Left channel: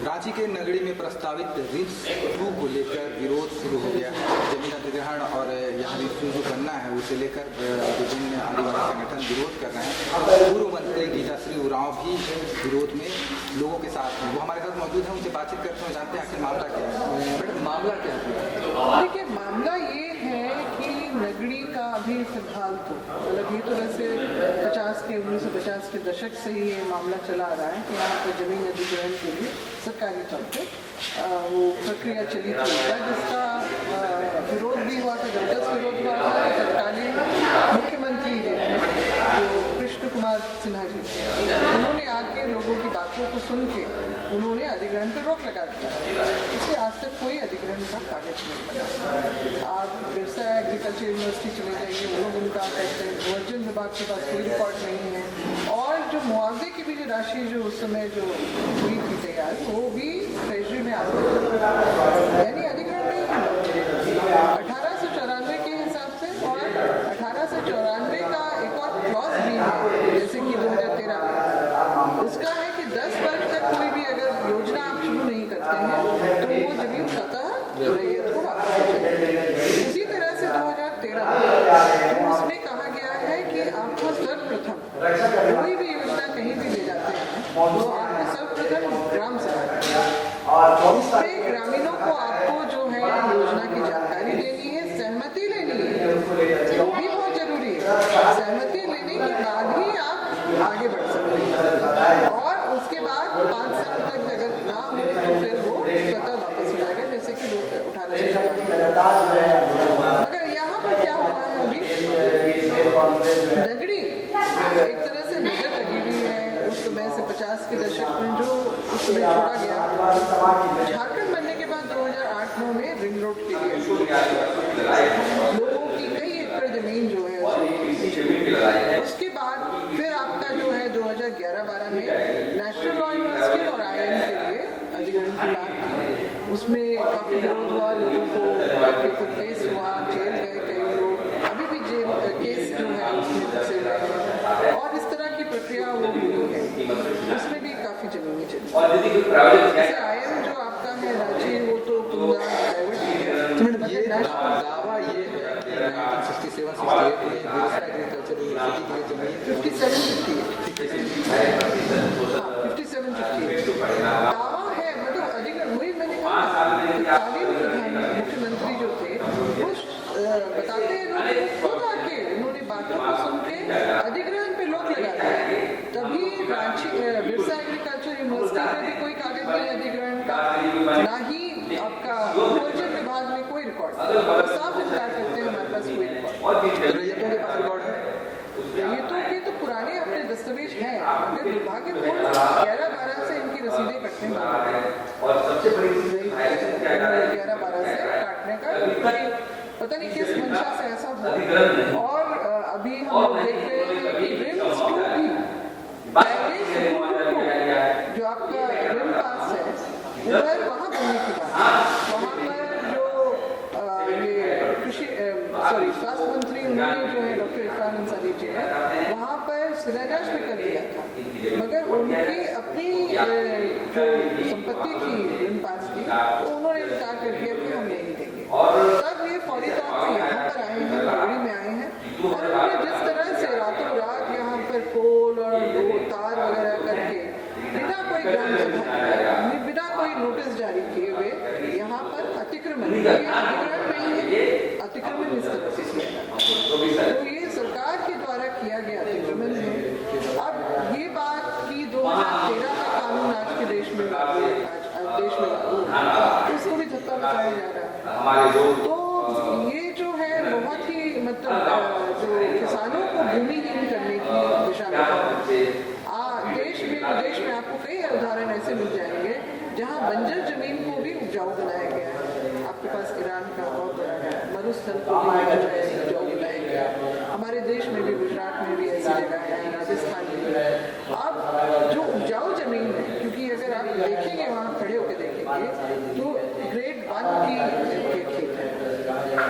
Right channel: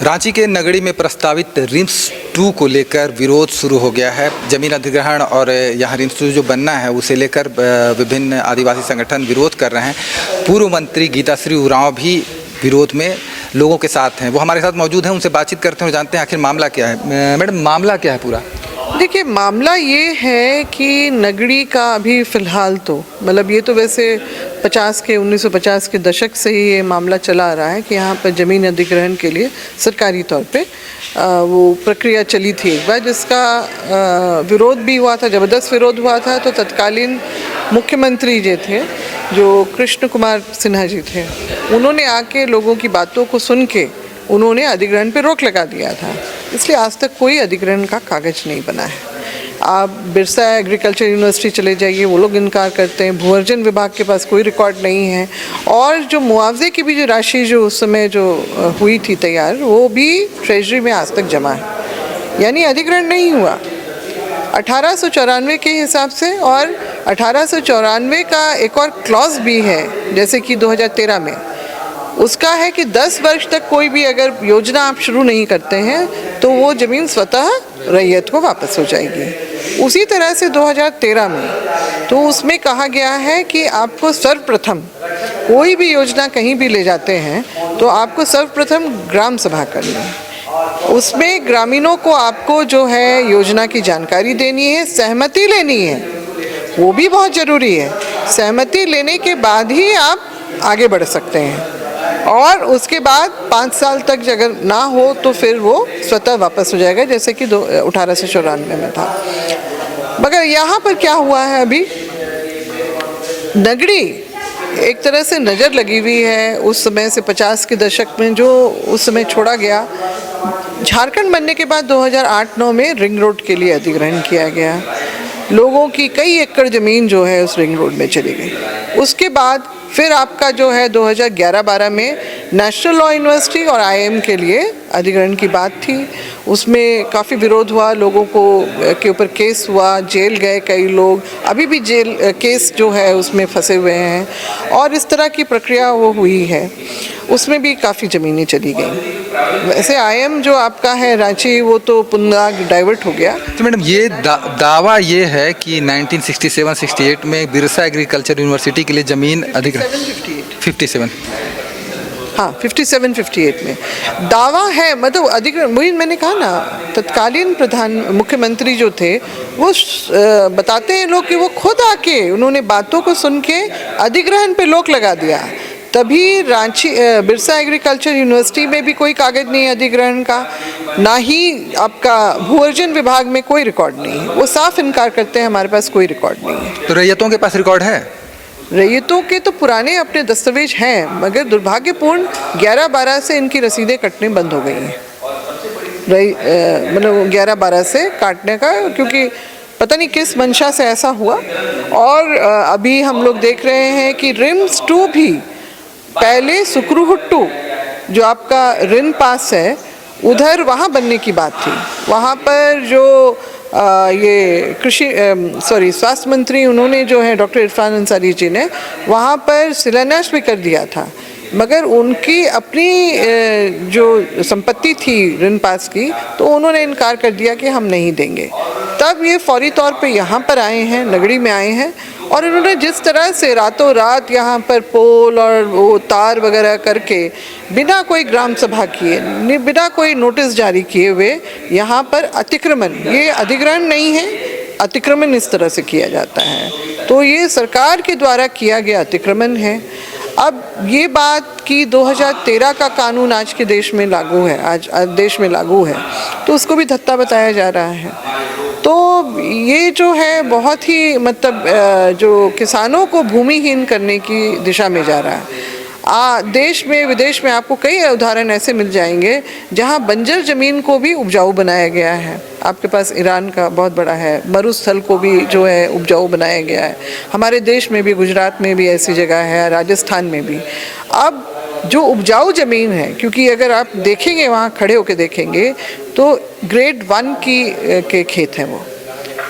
रांची के नगड़ी में प्रस्तावित रिम्स 2 को लेकर विरोध शुरू हो गया है। जमीन अधिग्रहण और यहाँ रिम्स 2 जो बनना है उसे लेकर विभिन्न आदिवासी संगठन विरोध कर रहे हैं। पूर्व मंत्री गीताश्री उरांव भी विरोध में लोगों के साथ हैं। वो हमारे साथ मौजूद हैं, उनसे बातचीत करते हैं और जानते हैं आखिर मामला क्या है। मैडम, मामला क्या है पूरा? देखिए, मामला ये है कि नगड़ी का अभी फ़िलहाल तो मतलब ये तो वैसे 1950 के दशक से ही ये मामला चला आ रहा है कि यहाँ पर ज़मीन अधिग्रहण के लिए सरकारी तौर पे वो प्रक्रिया चली थी एक बार, जिसका विरोध भी हुआ था, ज़बरदस्त विरोध हुआ था। तो तत्कालीन मुख्यमंत्री जो कृष्ण कुमार सिन्हा जी थे, उन्होंने आके लोगों की बातों को सुन के उन्होंने अधिग्रहण पे रोक लगा दिया था। इसलिए आज तक कोई अधिग्रहण का कागज नहीं बना है। आप बिरसा एग्रीकल्चर यूनिवर्सिटी चले जाइए, वो लोग इनकार करते हैं। भूअर्जन विभाग के पास कोई रिकॉर्ड नहीं है। और जो मुआवजे की भी जो राशि जो उस समय जो हुई थी तैयार, वो भी ट्रेजरी में आज तक जमा है, यानी अधिग्रहण नहीं हुआ 1894 के हिसाब से। और 1894 का एक और क्लॉज भी है, जैसे कि 2013 में उसका है कि 10 वर्ष तक कोई भी अगर योजना आप शुरू नहीं करते हैं तो वो ज़मीन स्वतः रैयत को वापस हो जाएगी। उसी तरह से 2013 में तो उसमें कहा गया है कि आपको सर्वप्रथम कोई भी योजना कहीं भी ले जाते हैं तो आपको सर्वप्रथम ग्राम सभा करनी है। उसमें ग्रामीणों को आपको जो है योजना की जानकारी देनी है, सहमति लेनी है, वो भी बहुत ज़रूरी है। सहमति लेने के बाद ही आप आगे बढ़ सकते हैं। और उसके बाद 5 साल तक अगर ना हो तो फिर वो स्वतः वापस हो जाएगा, जैसे कि 1894 में था। मगर यहाँ पर क्या हुआ है, अभी नगड़ी एक तरह से नज़र लगी हुई है उस समय से, 50 के दशक में जो उस समय छोड़ा गया। झारखंड बनने के बाद 2008-9 में रिंग रोड के लिए अधिग्रहण किया गया। लोगों की कई एकड़ ज़मीन जो है उस रिंग रोड में चली गई। उसके बाद फिर आपका जो है 2011-12 में नेशनल लॉ यूनिवर्सिटी और IIM के लिए अधिग्रहण की बात थी। उसमें काफ़ी विरोध हुआ, लोगों को के ऊपर केस हुआ, जेल गए कई लोग, अभी भी जेल केस जो है उसमें फंसे हुए हैं। और इस तरह की प्रक्रिया वो हुई है, उसमें भी काफ़ी ज़मीनें चली गई। वैसे IIM जो आपका है रांची, वो तो पुनः डाइवर्ट हो गया। तो मैडम, ये दावा ये है कि 1967-68 में बिरसा एग्रीकल्चर यूनिवर्सिटी के लिए ज़मीन अधिग्रहण 57 हाँ 57-58 में दावा है, मतलब अधिग्रहण। वही मैंने कहा ना, तत्कालीन मुख्यमंत्री जो थे वो बताते हैं लोग कि वो खुद आके उन्होंने बातों को सुन के अधिग्रहण पे रोक लगा दिया। तभी रांची बिरसा एग्रीकल्चर यूनिवर्सिटी में भी कोई कागज नहीं है अधिग्रहण का, ना ही आपका भूअर्जन विभाग में कोई रिकॉर्ड नहीं है। वो साफ इनकार करते हैं, हमारे पास कोई रिकॉर्ड नहीं है। तो रैयतों के पास रिकॉर्ड है? रैयतों के तो पुराने अपने दस्तावेज हैं, मगर दुर्भाग्यपूर्ण 11-12 से इनकी रसीदें कटने बंद हो गई हैं। मतलब 11-12 से काटने का, क्योंकि पता नहीं किस मंशा से ऐसा हुआ। और अभी हम लोग देख रहे हैं कि रिम्स 2 भी, पहले सुक्रूहुट्टू जो आपका रिन पास है उधर वहाँ बनने की बात थी। वहाँ पर जो ये स्वास्थ्य मंत्री उन्होंने जो है डॉक्टर इरफान अंसारी जी ने वहाँ पर शिलान्यास भी कर दिया था, मगर उनकी अपनी जो संपत्ति थी रिन पास की, तो उन्होंने इनकार कर दिया कि हम नहीं देंगे। तब ये फौरी तौर पे यहाँ पर आए हैं, नगड़ी में आए हैं, और इन्होंने जिस तरह से रातों रात यहाँ पर पोल और वो तार वगैरह करके बिना कोई ग्राम सभा किए, बिना कोई नोटिस जारी किए हुए यहाँ पर अतिक्रमण, ये अधिग्रहण नहीं है, अतिक्रमण इस तरह से किया जाता है। तो ये सरकार के द्वारा किया गया अतिक्रमण है। अब ये बात कि 2013 का कानून आज के देश में लागू है, आज देश में लागू है, तो उसको भी धत्ता बताया जा रहा है। तो ये जो है बहुत ही मतलब जो किसानों को भूमिहीन करने की दिशा में जा रहा है। देश में विदेश में आपको कई उदाहरण ऐसे मिल जाएंगे जहां बंजर ज़मीन को भी उपजाऊ बनाया गया है। आपके पास ईरान का बहुत बड़ा है, मरुस्थल को भी जो है उपजाऊ बनाया गया है। हमारे देश में भी, गुजरात में भी ऐसी जगह है, राजस्थान में भी। अब जो उपजाऊ ज़मीन है, क्योंकि अगर आप देखेंगे वहाँ खड़े होकर देखेंगे तो ग्रेड 1 के खेत हैं, वो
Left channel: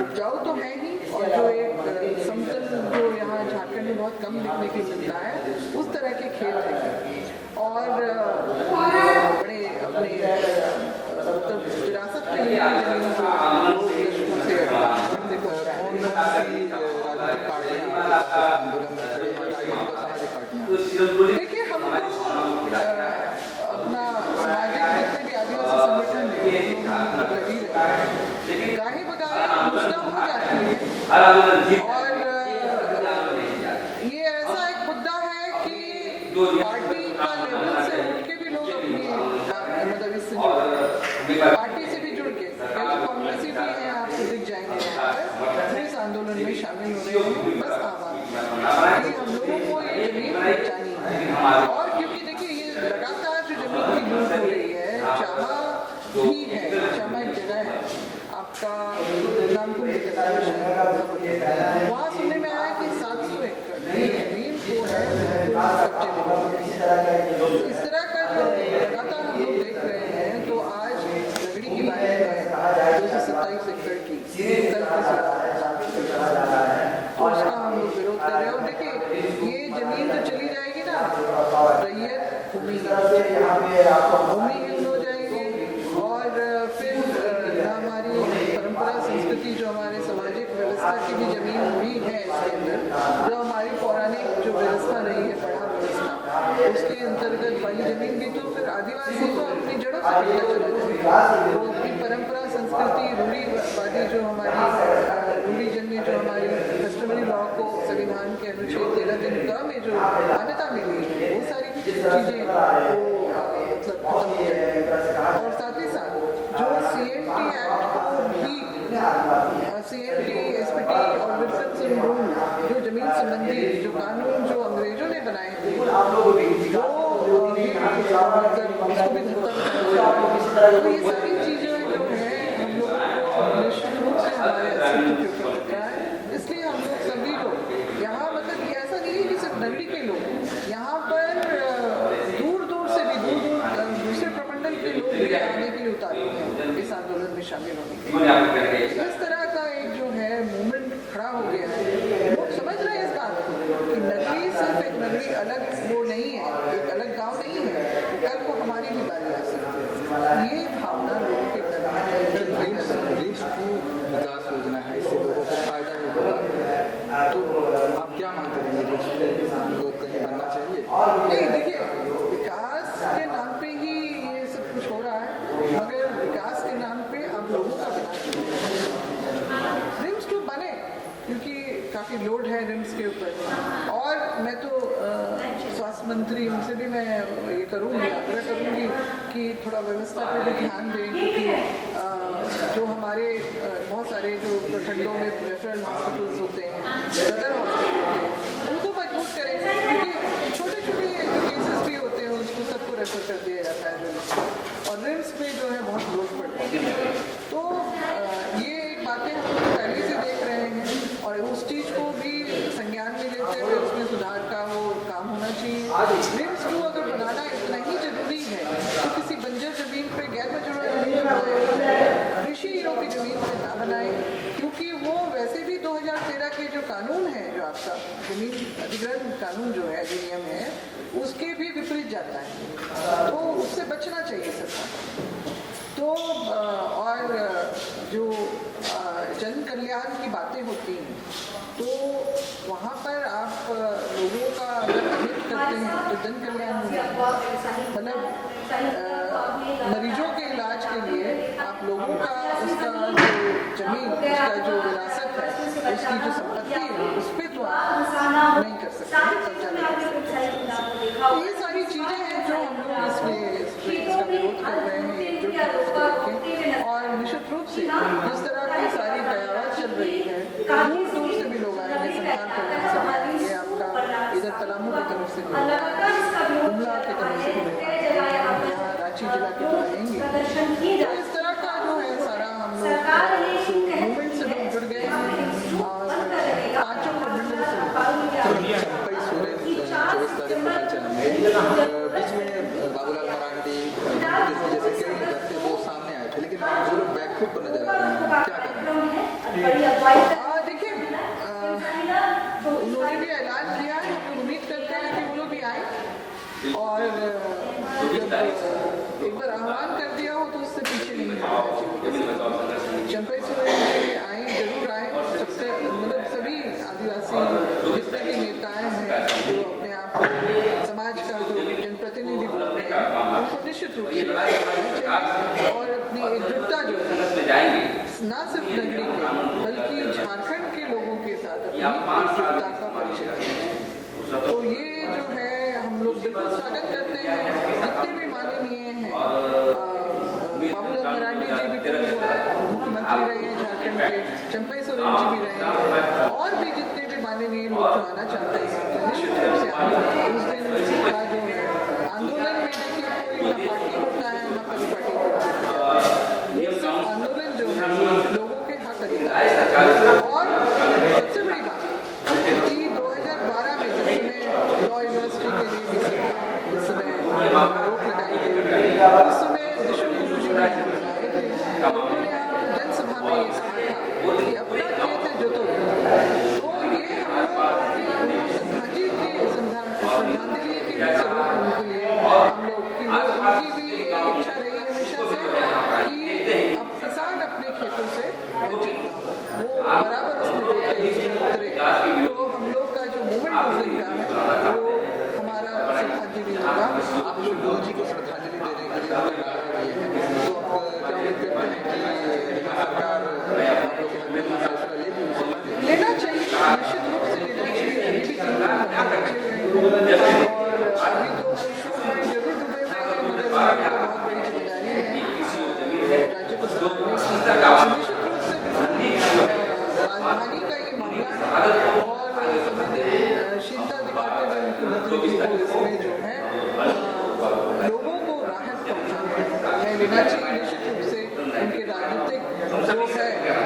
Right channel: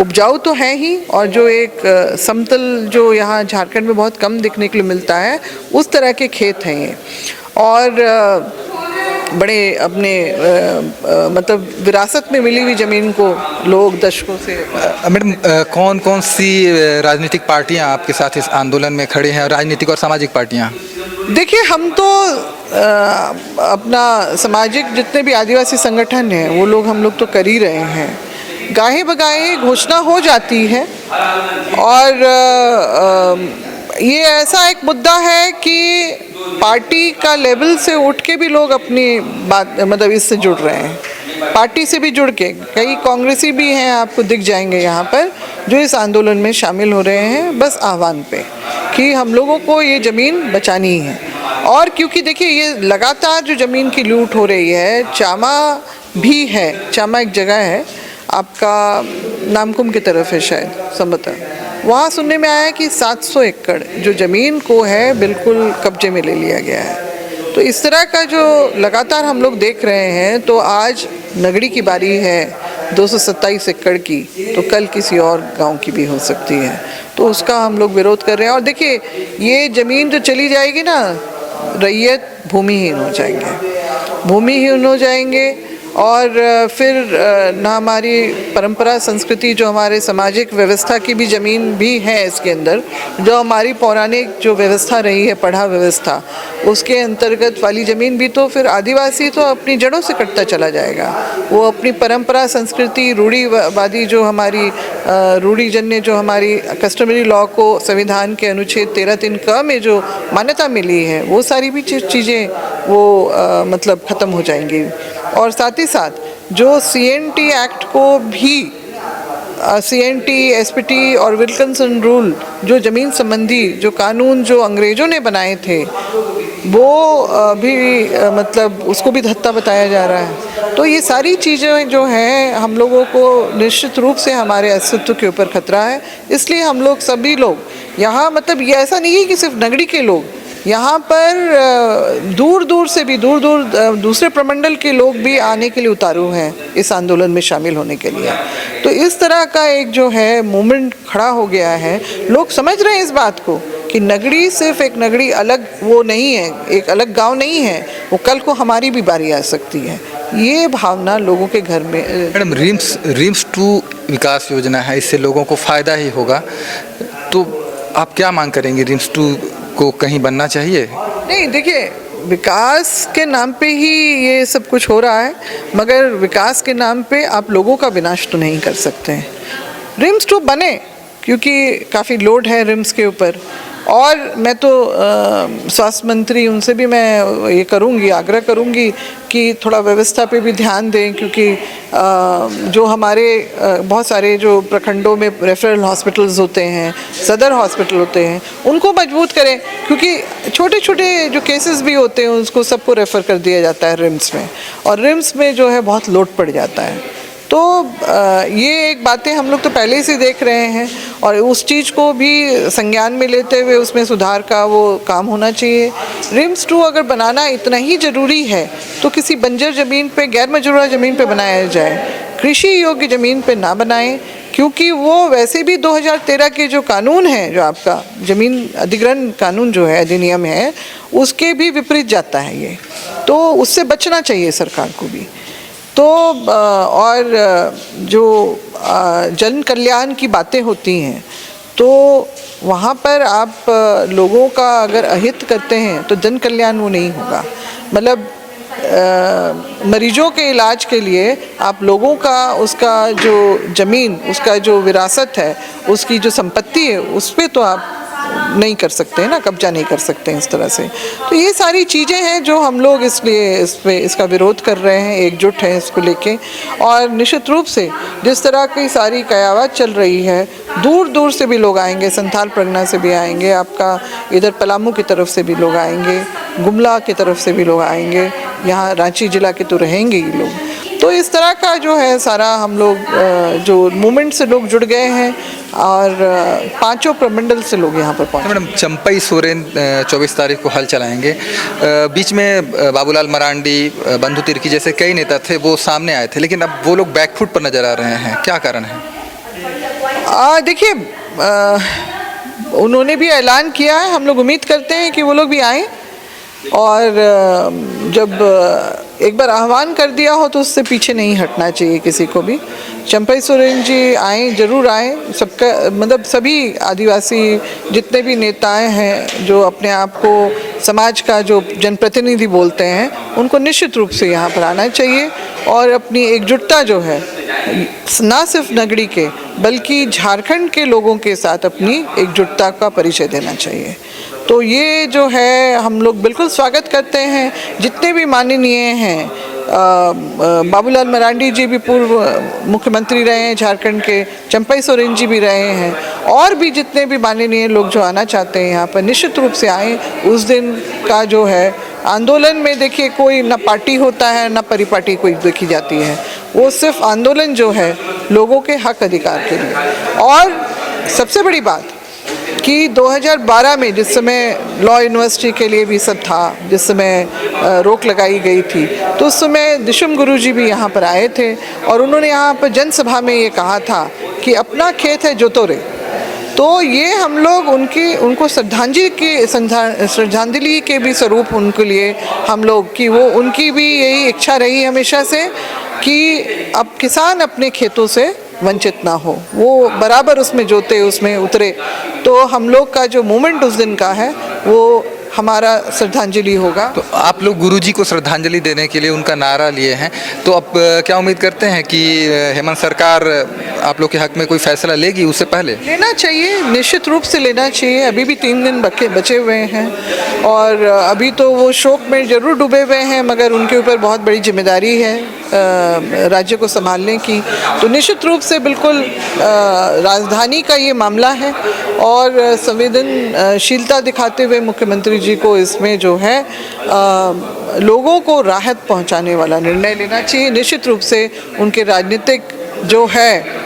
उपजाऊ तो है ही, और जो एक समतल जो यहाँ झारखंड में बहुत कम दिखने के लिए मिलता है, उस तरह के खेत हैं ये। और बड़े अपने मतलब विरासत में मिली हुई ज़मीन को लोग दशकों से। मैडम, कौन कौन सी राजनीतिक पार्टियां आपके साथ इस आंदोलन में खड़ी हैं, राजनीतिक और सामाजिक पार्टियां? देखिए, हम तो अपना सामाजिक जितने भी आदिवासी संगठन हैं वो लोग हम लोग तो कर ही रहे हैं। गाहे बगाहे घोषणा हो जाती है और ये ऐसा एक मुद्दा है कि पार्टी का लेवल से उठ के भी लोग अपनी बात मतलब इससे जुड़ रहे हैं, पार्टी से भी जुड़ के। कई कांग्रेसी भी हैं, आपको दिख जाएंगे यहाँ पर, जो इस आंदोलन में शामिल हो रहे हैं बस आह्वान पे कि हम लोगों को ये ज़मीन बचानी है। और क्योंकि देखिए, ये लगातार जो ज़मीन की लूट हो रही है, चामा भी है, चामा एक जगह है आपका नामकुम की तरफ है शायद संभवतः, वहाँ सुनने में आया कि 700 एकड़ जो ज़मीन को है बिल्कुल कब्जे में ले लिया गया है। तो इस तरह का जो लगातार हम लोग देख रहे हैं, तो आज नगड़ी की बारी है 227 एकड़ की, तो कल किसी और गांव की भी हो सकती है, तो उसका हम लोग विरोध कर रहे हैं। और देखिए, ये ज़मीन जो चली जाएगी ना, रैयत भूमिहीन हो जाएंगे, भूमिहीन हो जाएंगे। और फिर ना हमारी परंपरा संस्कृति, जो हमारे सामाजिक व्यवस्था की भी ज़मीन भी है इसके अंदर, जो हमारी पौराणिक जो व्यवस्था रही है, पढ़ा व्यवस्था, उसके अंतर्गत वाली ज़मीन भी, तो फिर आदिवासी तो अपनी जड़ों से कटता चला जाएगा। वो अपनी परंपरा संस्कृति, रूढ़िवादी जो हमारी रूढ़िजन्य जो हमारी कस्टमरी लॉ को संविधान के अनुच्छेद 13(3) में जो मान्यता मिली है, वो सारी भी चीज़ें वो मतलब ख़त्म हो जाएंगी। और साथ ही साथ जो CNT एक्ट को भी, CNT, SPT और विल्किंसन रूल, जो ज़मीन संबंधी जो कानून जो अंग्रेज़ों ने बनाए थे, वो भी मतलब उसको भी धत्ता बताया जा रहा है। तो ये सारी चीज़ें जो हैं, हम लोगों को निश्चित रूप से हमारे अस्तित्व के ऊपर खतरा है। इसलिए हम लोग सभी लोग यहाँ, मतलब ये ऐसा नहीं है कि सिर्फ नगड़ी के लोग, यहाँ पर दूर दूर से भी, दूसरे प्रमंडल के लोग भी आने के लिए उतारू हैं इस आंदोलन में शामिल होने के लिए। तो इस तरह का एक जो है मूवमेंट खड़ा हो गया है। लोग समझ रहे हैं इस बात को कि नगड़ी सिर्फ एक नगड़ी अलग वो नहीं है, एक अलग गांव नहीं है, वो कल को हमारी भी बारी आ सकती है। ये भावना लोगों के घर में। मैडम, रिम्स 2 विकास योजना है, इससे लोगों को फ़ायदा ही होगा, तो आप क्या मांग करेंगे? रिम्स 2 को कहीं बनना चाहिए? नहीं, देखिए, विकास के नाम पे ही ये सब कुछ हो रहा है, मगर विकास के नाम पे आप लोगों का विनाश तो नहीं कर सकते हैं। रिम्स 2 बने, क्योंकि काफ़ी लोड है रिम्स के ऊपर। और मैं तो स्वास्थ्य मंत्री, उनसे भी मैं ये करूँगी, आग्रह करूँगी कि थोड़ा व्यवस्था पे भी ध्यान दें, क्योंकि जो हमारे बहुत सारे जो प्रखंडों में रेफरल हॉस्पिटल्स होते हैं, सदर हॉस्पिटल होते हैं, उनको मजबूत करें, क्योंकि छोटे छोटे जो केसेस भी होते हैं उसको सबको रेफ़र कर दिया जाता है रिम्स में, और रिम्स में जो है बहुत लोड पड़ जाता है। तो ये एक बातें हम लोग तो पहले ही से देख रहे हैं, और उस चीज़ को भी संज्ञान में लेते हुए उसमें सुधार का वो काम होना चाहिए। रिम्स 2 अगर बनाना इतना ही ज़रूरी है तो किसी बंजर ज़मीन पे, गैर मजरूरा ज़मीन पे बनाया जाए, कृषि योग्य ज़मीन पे ना बनाएं, क्योंकि वो वैसे भी 2013 के जो कानून है, जो आपका ज़मीन अधिग्रहण कानून जो है, अधिनियम है, उसके भी विपरीत जाता है ये। तो उससे बचना चाहिए सरकार को भी। तो और जो जन कल्याण की बातें होती हैं, तो वहाँ पर आप लोगों का अगर अहित करते हैं तो जन कल्याण वो नहीं होगा। मतलब मरीजों के इलाज के लिए आप लोगों का, उसका जो ज़मीन, उसका जो विरासत है, उसकी जो संपत्ति है, उस पर तो आप नहीं कर सकते हैं ना, कब्जा नहीं कर सकते हैं इस तरह से। तो ये सारी चीज़ें हैं जो हम लोग इसलिए इसका विरोध कर रहे हैं, एकजुट हैं इसको लेके। और निश्चित रूप से जिस तरह की सारी कयावत चल रही है, दूर दूर से भी लोग आएंगे, संथाल परगना से भी आएंगे, आपका इधर पलामू की तरफ से भी लोग आएंगे, गुमला की तरफ से भी लोग आएंगे, यहाँ रांची जिला के तो रहेंगे ही लोग। तो इस तरह का जो है सारा हम लोग जो मूवमेंट से लोग जुड़ गए हैं, और 5 प्रमंडल से लोग यहाँ पर पहुँचे। मैडम, चंपई सोरेन 24 तारीख को हल चलाएंगे। बीच में बाबूलाल मरांडी, बंधु तिर्की जैसे कई नेता थे, वो सामने आए थे, लेकिन अब वो लोग बैकफुट पर नजर आ रहे हैं, क्या कारण है? देखिए, उन्होंने भी ऐलान किया है, हम लोग उम्मीद करते हैं कि वो लोग भी आएँ, और जब एक बार आह्वान कर दिया हो तो उससे पीछे नहीं हटना चाहिए किसी को भी। चंपई सोरेन जी आए, जरूर आए। सबका मतलब सभी आदिवासी जितने भी नेताएं हैं जो अपने आप को समाज का जो जनप्रतिनिधि बोलते हैं, उनको निश्चित रूप से यहाँ पर आना चाहिए और अपनी एकजुटता जो है ना सिर्फ नगरी के बल्कि झारखंड के लोगों के साथ अपनी एकजुटता का परिचय देना चाहिए। तो ये जो है हम लोग बिल्कुल स्वागत करते हैं। जितने भी माननीय हैं, बाबूलाल मरांडी जी भी पूर्व मुख्यमंत्री रहे हैं झारखंड के, चंपई सोरेन जी भी रहे हैं, और भी जितने भी माननीय लोग जो आना चाहते हैं यहाँ पर निश्चित रूप से आएँ। उस दिन का जो है आंदोलन में देखिए कोई ना पार्टी होता है ना परिपाटी कोई देखी जाती है, वो सिर्फ आंदोलन जो है लोगों के हक अधिकार के लिए। और सबसे बड़ी बात कि 2012 में जिस समय लॉ यूनिवर्सिटी के लिए भी सब था, जिस समय रोक लगाई गई थी, तो उस समय दिशुम गुरुजी भी यहाँ पर आए थे और उन्होंने यहाँ पर जनसभा में ये कहा था कि अपना खेत है जोतोरे। तो ये हम लोग उनको श्रद्धांजलि के भी स्वरूप उनके लिए हम लोग कि वो उनकी भी यही इच्छा रही हमेशा से कि अब किसान अपने खेतों से वंचित ना हो, वो बराबर उसमें जोते, उसमें उतरे। तो हम लोग का जो मूवमेंट उस दिन का है वो हमारा श्रद्धांजलि होगा। तो आप लोग गुरुजी को श्रद्धांजलि देने के लिए उनका नारा लिए हैं, तो अब क्या उम्मीद करते हैं कि हेमंत सरकार आप लोग के हक में कोई फैसला लेगी? उससे पहले लेना चाहिए, निश्चित रूप से लेना चाहिए। अभी भी 3 दिन बचे हुए हैं और अभी तो वो शोक में जरूर डूबे हुए हैं, मगर उनके ऊपर बहुत बड़ी जिम्मेदारी है राज्य को संभालने की। तो निश्चित रूप से बिल्कुल राजधानी का ये मामला है और संवेदनशीलता दिखाते हुए मुख्यमंत्री जी को इसमें जो है लोगों को राहत पहुंचाने वाला निर्णय लेना चाहिए। निश्चित रूप से उनके राजनीतिक जो है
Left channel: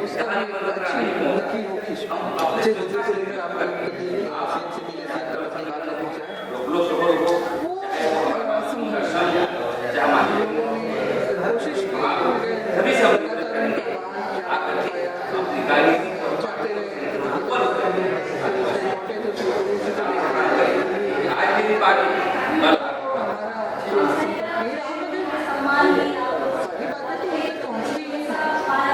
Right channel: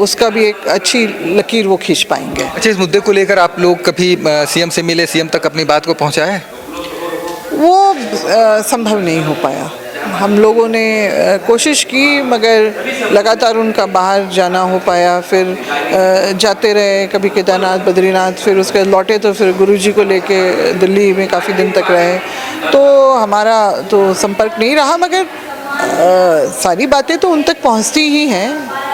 उसका भी एक अच्छी लकीर वो खींच पाएंगे। अच्छा, इस मुद्दे को लेकर आप लोग कभी सीएम से मिले, सीएम तक अपनी बात को पहुंचाए? वो संभव नहीं हो पाया। हम लोगों ने कोशिश की मगर लगातार उनका बाहर जाना हो पाया, फिर जाते रहे कभी केदारनाथ, बद्रीनाथ, फिर उसके लौटे तो फिर गुरुजी को लेके दिल्ली में काफ़ी दिन तक रहे, तो हमारा तो संपर्क नहीं रहा। मगर सारी बातें तो उन तक पहुंचती ही हैं,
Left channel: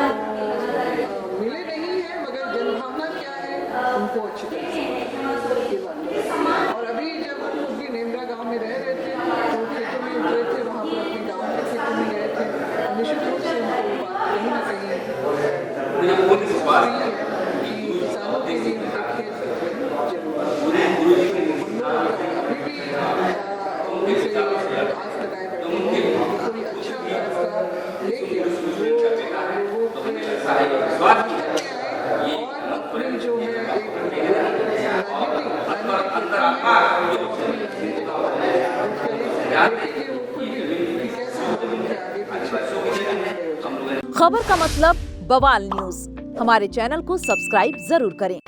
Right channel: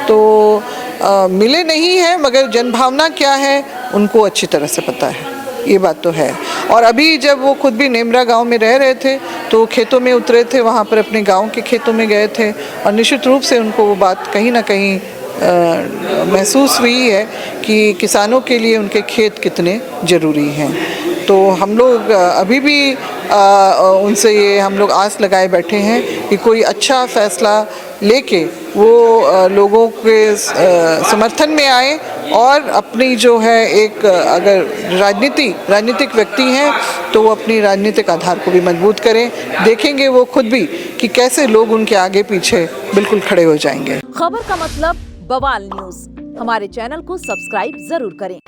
तो मिले नहीं हैं, मगर जनभावना क्या है उनको अच्छी तरह से पता है, ये बात तो है। और अभी जब वो खुद भी नेमरा गांव में रह रहे थे तो खेतों में उतरे थे, वहाँ पर अपने गांव के खेतों में गए थे और निश्चित रूप से उनको वो बात कहीं ना कहीं महसूस हुई है कि किसानों के लिए उनके खेत कितने ज़रूरी हैं। तो हम लोग अभी भी उनसे ये हम लोग आस लगाए बैठे हैं कि कोई अच्छा फैसला लेके वो लोगों के समर्थन में आए और अपनी जो है एक अगर राजनीतिक व्यक्ति हैं तो वो अपनी राजनीतिक आधार को भी मजबूत करें। देखेंगे वो खुद भी कि कैसे लोग उनके आगे पीछे बिल्कुल खड़े हो जाएंगे। खबर का मतलब बवाल न्यूज, हमारे चैनल को सब्सक्राइब जरूर करें।